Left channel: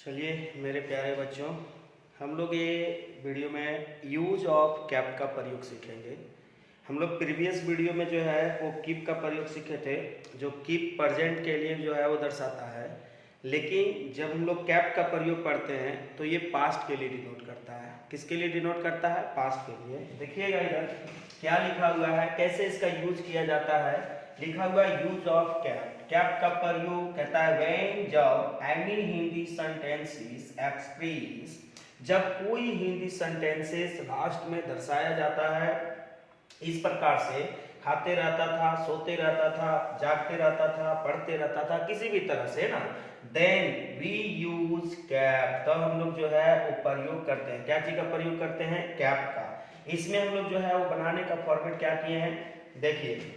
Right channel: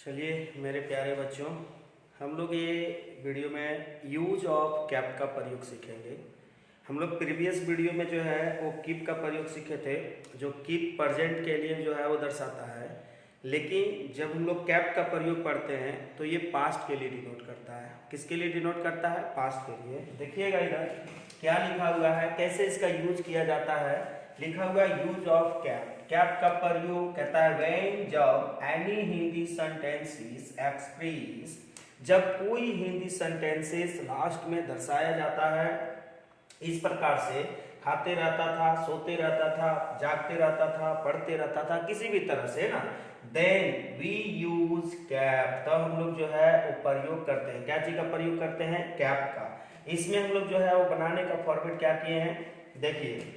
चलिए मेरे प्यारे बच्चों, हम लोग ये वीडियो में यूज ऑफ कैप का प्रयोग सीखेंगे। हम लोग प्रीवियस वीडियो में जो है वो कीप का प्रयोग सीखे थे, जो कीप प्रेजेंट के लिए जो है वो दर्शाता है। लेकिन जब हम लोग कैप का प्रयोग करते हैं तो ये पास्ट के लिए डिनोट करता है। किसके लिए डिनोट करता है? पास्ट के लिए। देखिएगा इधर क्या लिखा हुआ है, कैसे इसका यूज किया जाता है। लिखा हुआ है यूज ऑफ कैप। कैप का प्रयोग कहता है व्हेन जब एनी हिंदी सेंटेंसेस एक्सप्रेस, जब कोई हिंदी सेंटेंसेस लास्ट में दर्शाया जाता है इस प्रकार से, खाते रहता था, सोते रहता था, जागते रहता था, पढ़ते रहता था, किसी भी तरह से ना, देन वी यूज कैप। तो हम लोग जो है वो प्रयोग करते हैं। क्या चीज का प्रयोग करते हैं? कैप का। इसमें हम लोग जो है वो बनाने का फॉर्मेट क्या किए हैं, देखिए,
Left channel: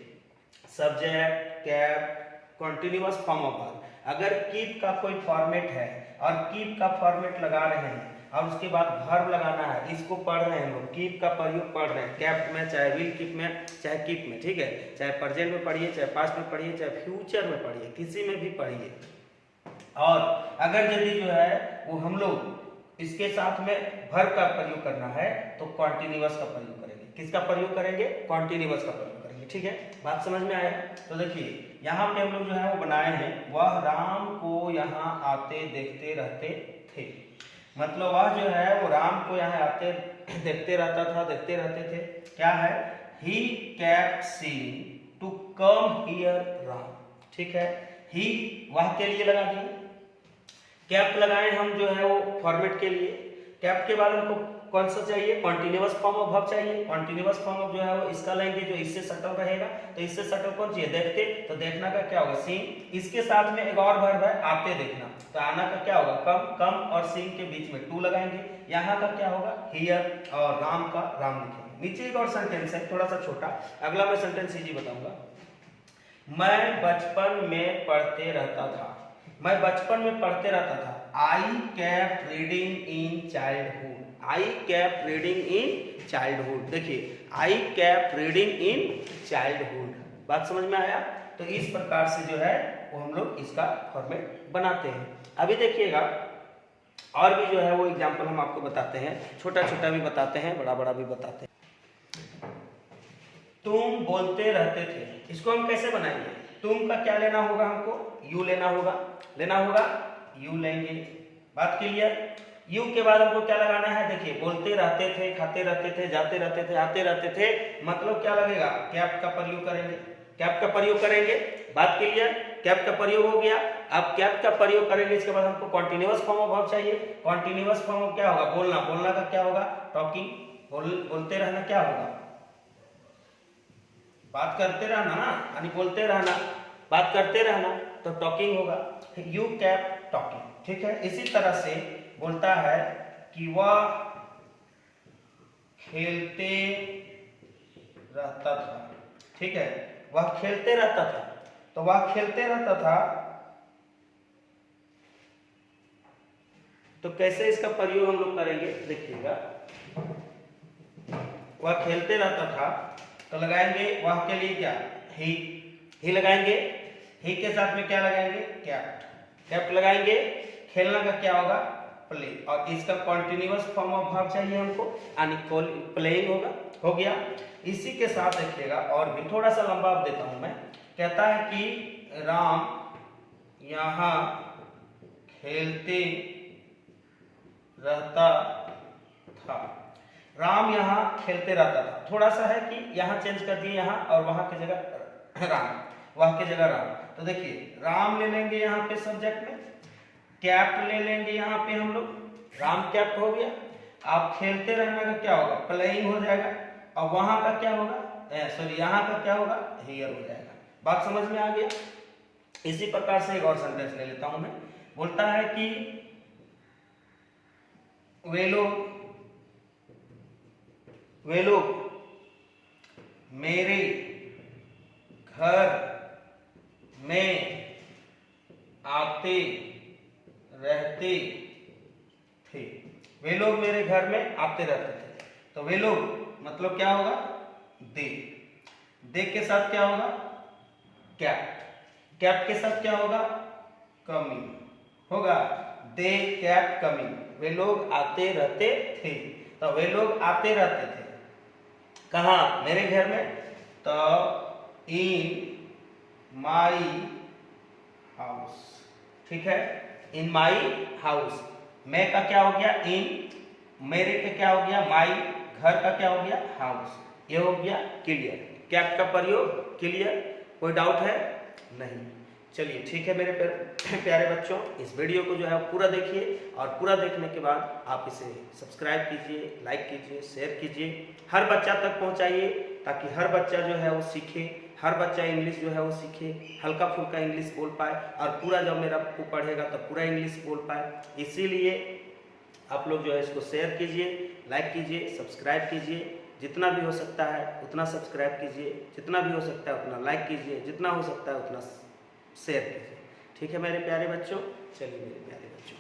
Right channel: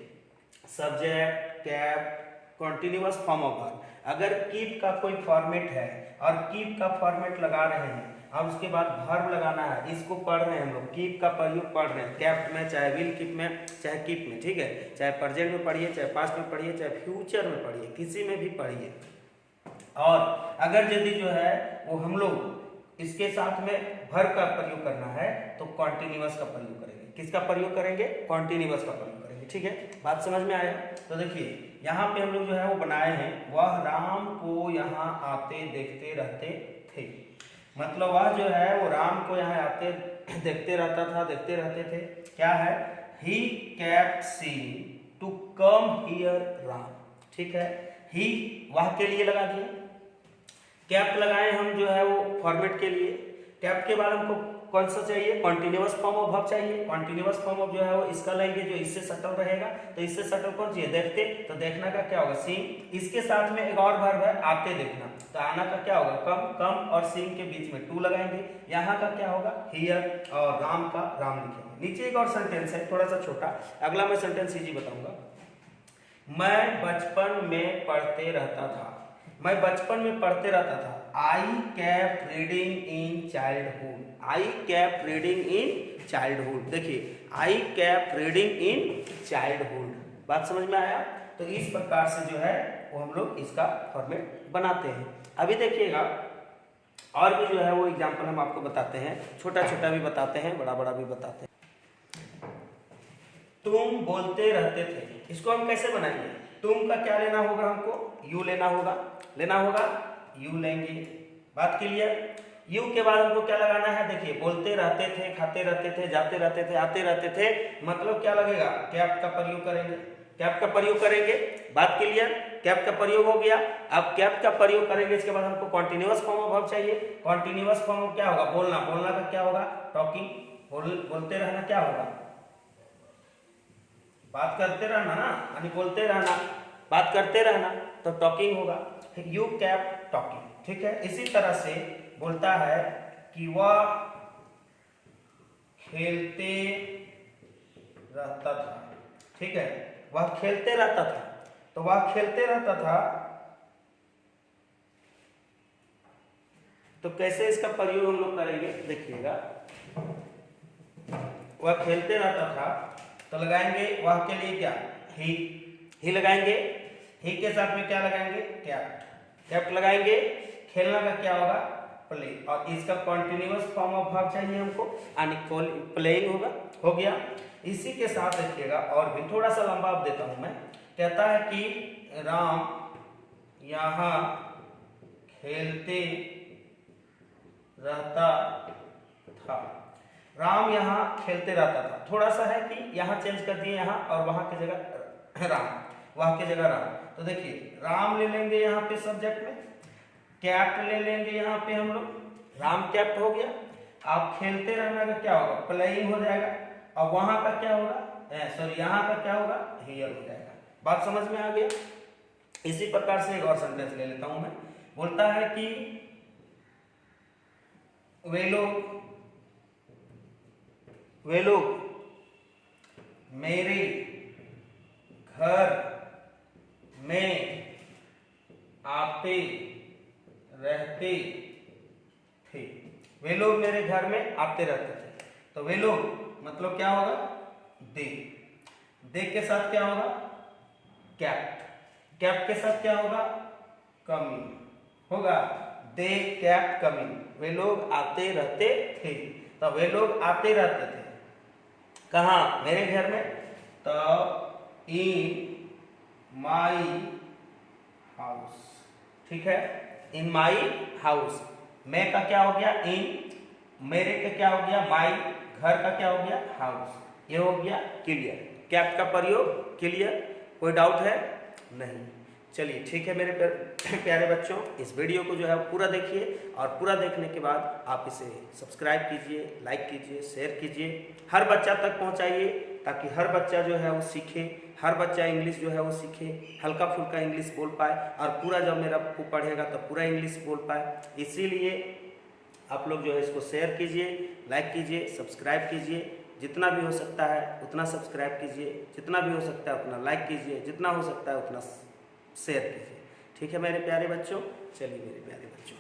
subject, cap, continuous form of verb. अगर कीप का कोई फॉर्मेट है और कीप का फॉर्मेट लगा रहे हैं, अब उसके बाद वर्ब लगाना है, इसको पढ़ रहे हैं हम लोग, कीप का प्रयोग पढ़ रहे हैं कैप में, चाहे विल कीप में, चाहे कीप में, ठीक है, चाहे प्रेजेंट में पढ़िए, चाहे पास्ट में पढ़िए, चाहे फ्यूचर में पढ़िए, किसी में भी पढ़िए। और अगर यदि जो है वो हम लोग इसके साथ में वर्ब का प्रयोग करना है तो कॉन्टिन्यूअस का प्रयोग करेंगे। किसका प्रयोग करेंगे? कॉन्टिन्यूअस का प्रयोग करेंगे। ठीक है, बात समझ में आया? तो देखिए यहाँ पे हम लोग जो है वो बनाए हैं, वह राम को यहाँ आते देखते रहते थे। मतलब वह जो है वो राम को यहाँ आते देखते रहता था, देखते रहते थे। क्या है? ही kept seeing to come here Ram. ठीक है, ही वह के लिए लगा दिए, कैप लगाए हम जो है वो फॉर्मेट के लिए। कैप के बाद हमको कौन सा चाहिए? कॉन्टिन्यूअस फॉर्म ऑफ वर्ब चाहिए। कॉन्टिन्यूअस फॉर्म ऑफ जो है वो इसका लेंगे जो इससे सटल रहेगा। तो इससे सटल कौन चाहिए? देखते। तो देखना का क्या होगा? सीइंग। इसके साथ में एक और वर्ब है आते देखना, तो आना का क्या होगा? कम। कम और सीइंग के बीच में टू लगाएंगे। यहाँ का क्या होगा? हियर। और राम का राम लिखेंगे। नीचे एक और सेंटेंस है, थोड़ा सा छोटा, अगला मैं सेंटेंस इजी बताऊंगा। मैं बचपन में पढ़ते रहता था। मैं बचपन में पढ़ते रहता था। I kept reading in childhood. I kept reading in childhood. देखिए, I kept reading in childhood. बात समझ में आया? तो इस प्रकार से जो है वो हम लोग इसका फॉर्मेट बनाते हैं। अभी देखिएगा और भी जो है वो एग्जाम्पल हम आपको बताते हैं, छोटा छोटा भी बताते हैं, बड़ा बड़ा भी बताते हैं। तुम बोलते रहते थे, इसको हम कैसे बनाएंगे? तुम का क्या लेना होगा? हमको यू लेना होगा। यू लेंगे। बात क्लियर? यू के बाद हमको क्या लगाना है? देखिए, बोलते रहते थे, खाते रहते थे, जाते रहते थे, आते रहते थे, मतलब क्या लगेगा? कैप का प्रयोग करेंगे। कैप का प्रयोग करेंगे। बात क्लियर? कैप का प्रयोग हो गया। अब कैप का प्रयोग करेंगे, इसके बाद हमको कॉन्टिन्यूअस फॉर्म ऑफ वर्ब चाहिए। कॉन्टिन्यूअस फॉर्म क्या होगा? बोलना। बोलना का क्या होगा? टॉकिंग। बोलते रहना क्या होगा? बात करते रहना ना, यानी बोलते रहना, बात करते रहना, तो टॉकिंग होगा। फिर यू केप्ट टॉकिंग। ठीक है, इसी तरह से बोलता है कि वह खेलते रहता था। ठीक है, वह खेलते रहता था, तो वह खेलते रहता था, तो कैसे इसका प्रयोग हम लोग करेंगे? देखिएगा, वह खेलते रहता था, तो लगाएंगे वह के लिए क्या? ही लगाएंगे। ही के साथ में क्या लगाएंगे? कैप्ट। कैप्ट लगाएंगे। खेलना का क्या होगा? प्ले। और इसका कॉन्टिन्यूअस फॉर्म ऑफ वर्ब चाहिए हमको, यानी प्लेइंग होगा। हो गया। इसी के साथ देखिएगा और भी थोड़ा सा लंबा आप देता हूं मैं। कहता है कि राम यहाँ खेलते रहता था। राम यहाँ खेलते रहता था। थोड़ा सा है कि यहाँ चेंज कर दिए, यहाँ और वहां की जगह राम, वहां की जगह राम। तो देखिए, राम ले लेंगे यहाँ पे सब्जेक्ट में, कैप्ट ले लेंगे यहाँ पे हम लोग, राम कैप्ट हो गया। आप खेलते रहना का क्या होगा? प्लेइंग हो जाएगा। और वहां का क्या होगा? सॉरी, यहाँ का क्या होगा? हियर हो जाएगा। बात समझ में आ गया? इसी प्रकार से एक और सेंटेंस ले लेता हूं मैं। बोलता है कि वे लोग मेरे घर में आते रहते थे। वे लोग मेरे घर में आते रहते थे, तो वे लोग मतलब क्या होगा? दे। दे के साथ क्या होगा? कैप्ट। कैप्ट के साथ क्या होगा? कमिंग होगा। दे केप्ट कमिंग, वे लोग आते रहते थे। तो वे लोग आते रहते थे कहाँ, मेरे घर में। तो इन माई हाउस, ठीक है, इन माई हाउस। मैं का क्या हो गया इन, मेरे का क्या हो गया माई, घर का क्या हो गया हाउस। ये हो गया क्लियर, कैप्ट का प्रयोग क्लियर, कोई डाउट है नहीं। चलिए ठीक है मेरे प्यारे बच्चों, इस वीडियो को जो है पूरा देखिए और पूरा देखने के बाद आप इसे सब्सक्राइब कीजिए, लाइक कीजिए, शेयर कीजिए, हर बच्चा तक पहुंचाइए ताकि हर बच्चा जो है वो सीखे, हर बच्चा इंग्लिश जो है वो सीखे, हल्का फुल्का इंग्लिश बोल पाए और पूरा जब मेरा को पढ़ेगा तो पूरा इंग्लिश बोल पाए। इसीलिए आप लोग जो है इसको शेयर कीजिए, लाइक कीजिए, सब्सक्राइब कीजिए, जितना भी हो सकता है उतना सब्सक्राइब कीजिए, जितना भी हो सकता है उतना लाइक कीजिए, जितना हो सकता है उतना शेयर कीजिए। ठीक है मेरे प्यारे बच्चों, चलिए मेरे प्यारे बच्चों।